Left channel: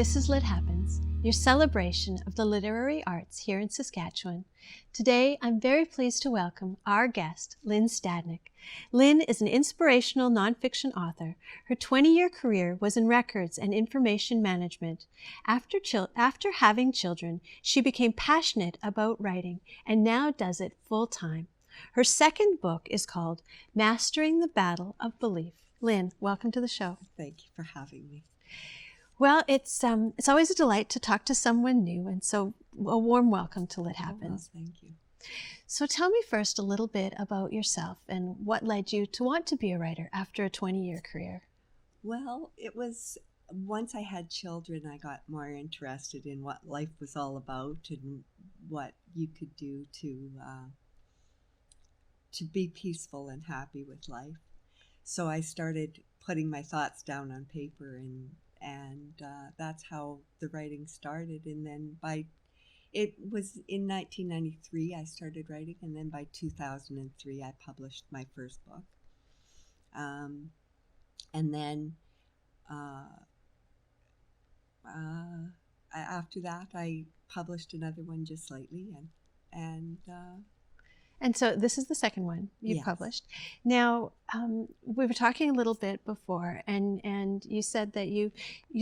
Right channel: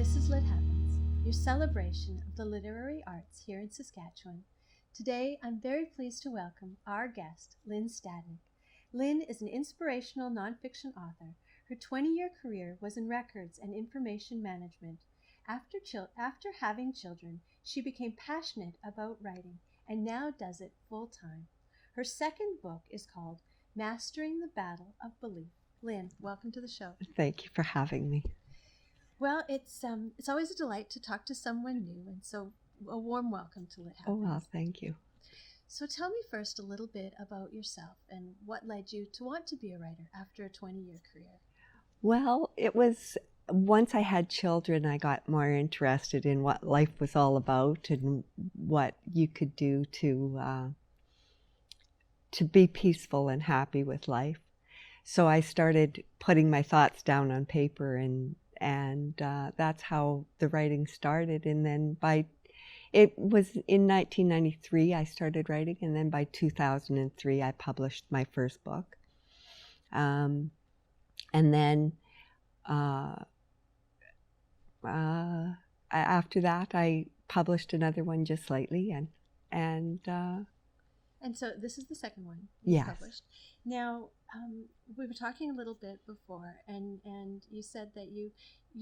This is Lit Happens, your celebration of the literary arts here in Saskatchewan. Today, I'm very pleased to welcome our guest, Lynn Stadnek. Lynn is an inspirational nonfiction author. Her 20-year career was in records and information management. After having children, she became passionate about writing and now does it full-time. Her second book is called Mastering the Battle of Belief. Lynn, welcome to the show. Thank you for having me. Well, it's always a delight to talk to someone new, and so a warm welcome to Lit Happens. Oh, well, thank you. So tell me first a little bit about yourself and what led you to want to be a writer after a 20-year career. Well, it was once I had children, I got more interested in what life was all about and what you could do to be peaceful and happy with life. So I started putting my thoughts down on paper, and that's how the writing started. And then it was in 1993 I started writing, and then by 2003 I published my first book. And then after that I published another one just lately, And so this is the second one you Yes. published. Now, we were talking a little bit before, and you said that you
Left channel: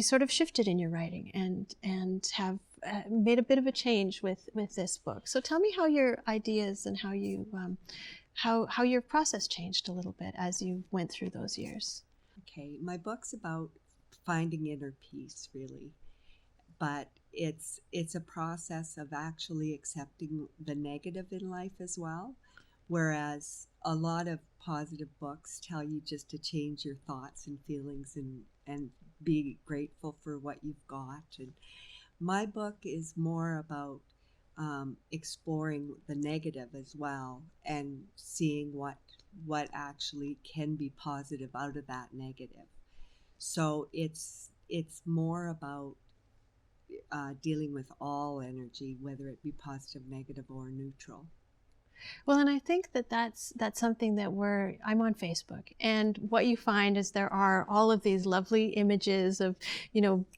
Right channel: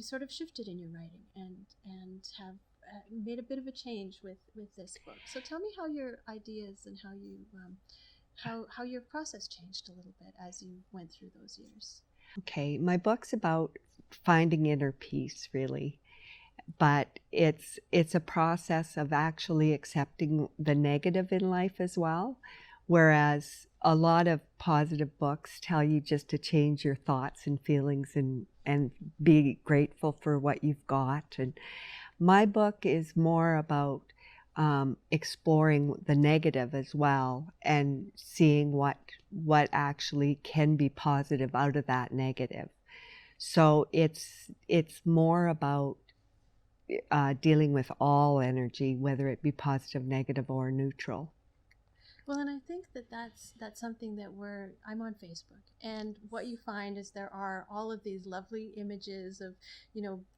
sort of shifted in your writing and have made a bit of a change with this book. So tell me how your ideas and how you how your process changed a little bit as you went through those years. Okay, my book's about finding inner peace, really. But it's a process of actually accepting the negative in life as well, whereas a lot of positive books tell you just to change your thoughts and feelings and be grateful for what you've got. And my book is more about exploring the negative as well and seeing what actually can be positive out of that negative. So it's more about dealing with all energy, whether it be positive, negative, or neutral. Well, and I think that's something that I'm on Facebook, and what you find is there are all of these lovely images of,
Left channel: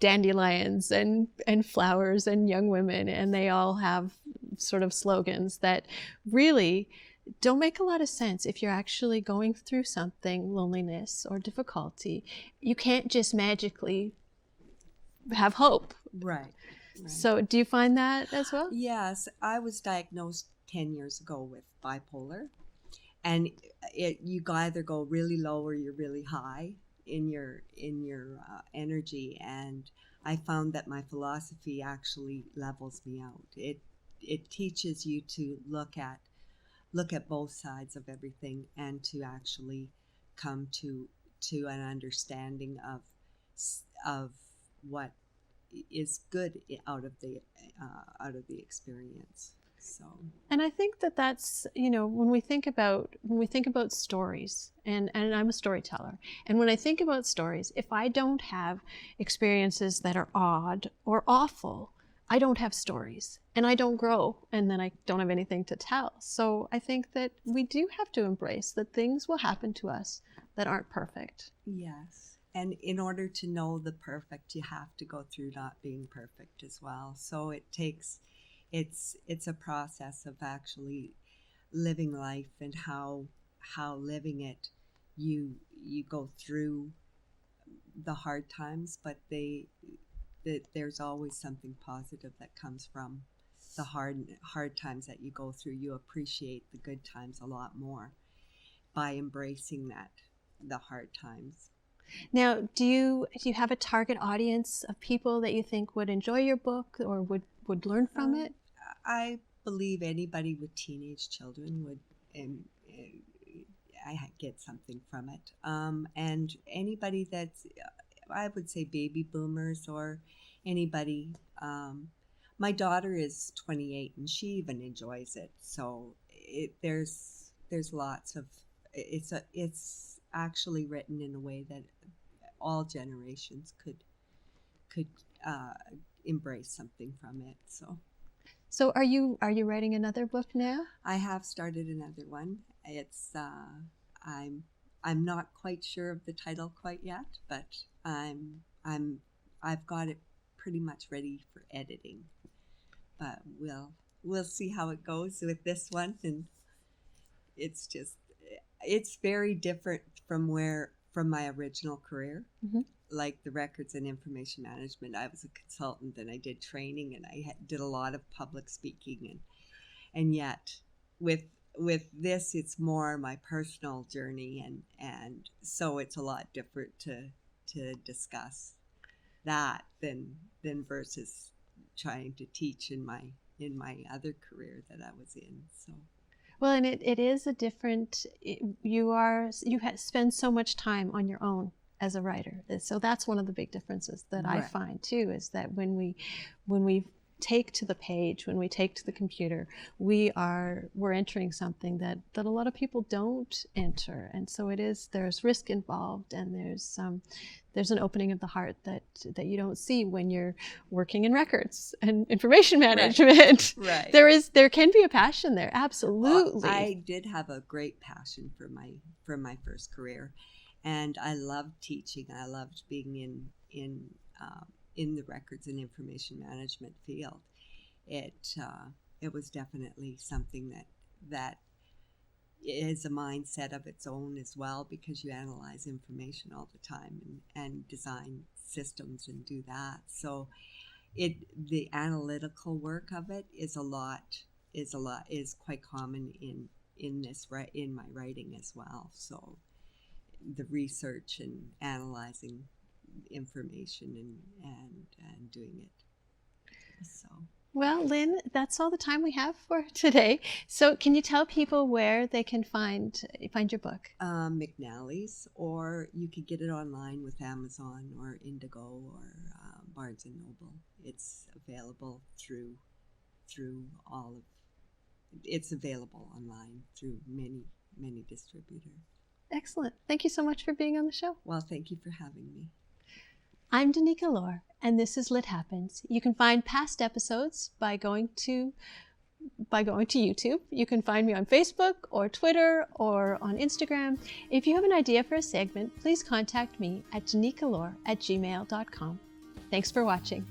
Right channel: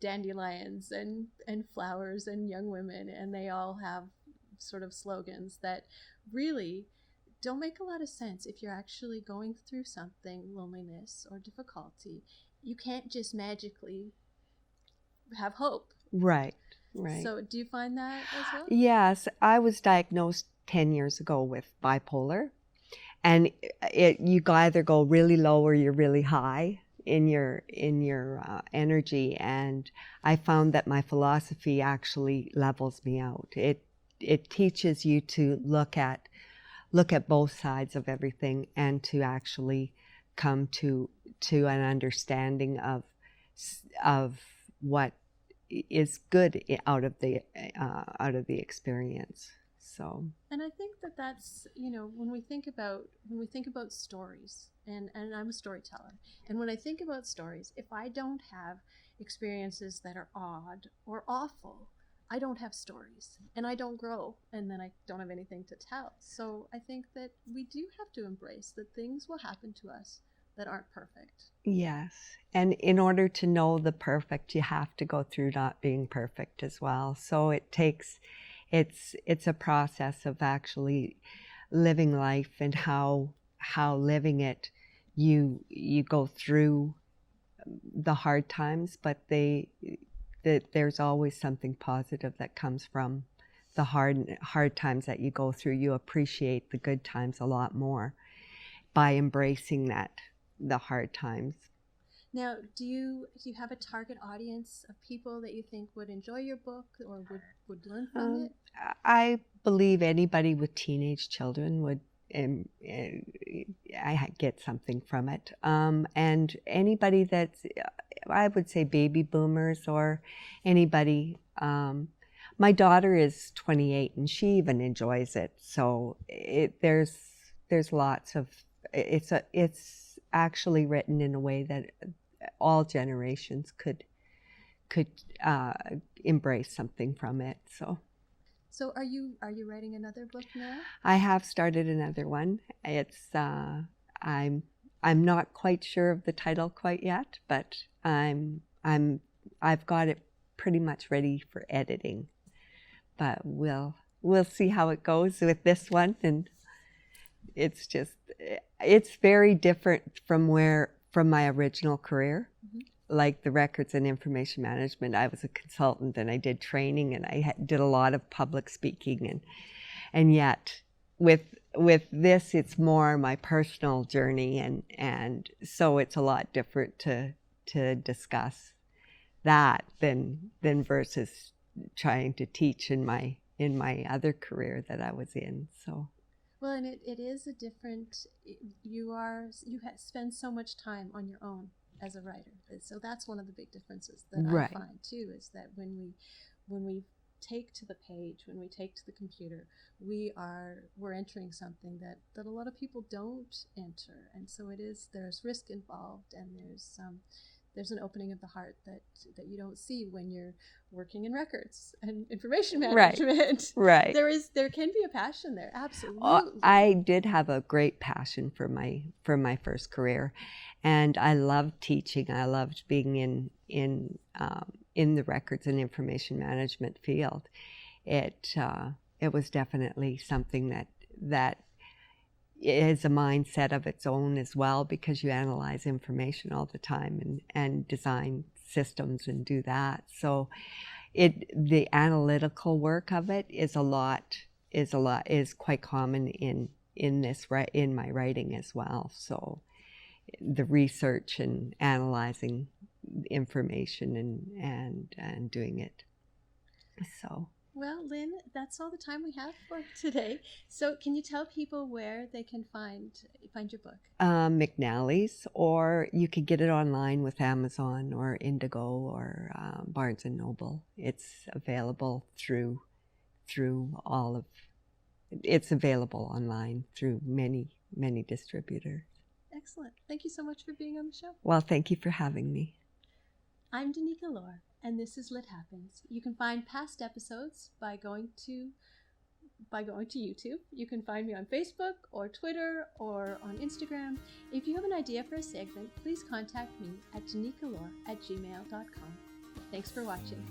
dandelions and flowers and young women, and they all have sort of slogans that really don't make a lot of sense if you're actually going through something, loneliness or difficulty. You can't just magically have hope. Right. So do you find that as well? Yes, I was diagnosed 10 years ago with bipolar, and you either go really low or you're really high in your energy, and I found that my philosophy actually levels me out. It teaches you to look at both sides of everything and to actually come to an understanding of what is good out of the experience. So, and I think that's when we think about stories, and I'm a storyteller, and when I think about stories, if I don't have experiences that are odd or awful, I don't have stories, and I don't grow, and then I don't have anything to tell. So I think that we do have to embrace that things will happen to us that aren't perfect. yes. And in order to know the perfect, you have to go through not being perfect as well. So it's a process of actually living life, and how living it, you go through the hard times, but there's always something positive that comes from the hard times that you go through. You appreciate the good times a lot more by embracing the hard times. Now, do you have a target audience of people that you think would enjoy your book or would learn from it? I believe anybody with teenage children would I get something from it. And anybody that's, I would say, baby boomers, or anybody. My daughter is 28 and she even enjoys it. So there's lots of, it's actually written in a way that all generations could embrace something from it. So are you writing another book now? I have started another one. It's I'm not quite sure of the title quite yet, but I've got it pretty much ready for editing. But we'll see how it goes with this one. And it's very different from my original career. Mm-hmm. Like the records and information management, I was a consultant and I did training and I did a lot of public speaking, and yet with this, it's more my personal journey, and so it's a lot different to discuss that than versus trying to teach in my other career that I was in. So. Well, and it is a different, spend so much time on your own as a writer. So that's one of the big differences that I find too, is that when we take to the page, when we take to the computer, we're entering something that a lot of people don't enter. And so there's risk involved, and there's an opening of the heart that you don't see when you're working in records and information management. Right. There can be a passion there. Absolutely. I did have a great passion for my first career, and I loved teaching. I loved being in the records and information management field. It was definitely something that is a mindset of its own as well, because you analyze information all the time and design systems and do that. So the analytical work of it is quite common in my writing as well. So the research and analyzing information and doing it. So. Well, Lynn, that's all the time we have for today. So can you tell people where they can find your book? McNally's, or you could get it online with Amazon or Indigo or Barnes & Noble. It's available it's available online through many distributors. Excellent. Thank you so much for being on the show. Well, thank you for having me. I'm Danica Lorer, and this is Lit Happens. You can find past episodes by going to YouTube. You can find me on Facebook or Twitter or on Instagram. If you have an idea for a segment, please contact me at danicalorer@gmail.com. Thanks for watching.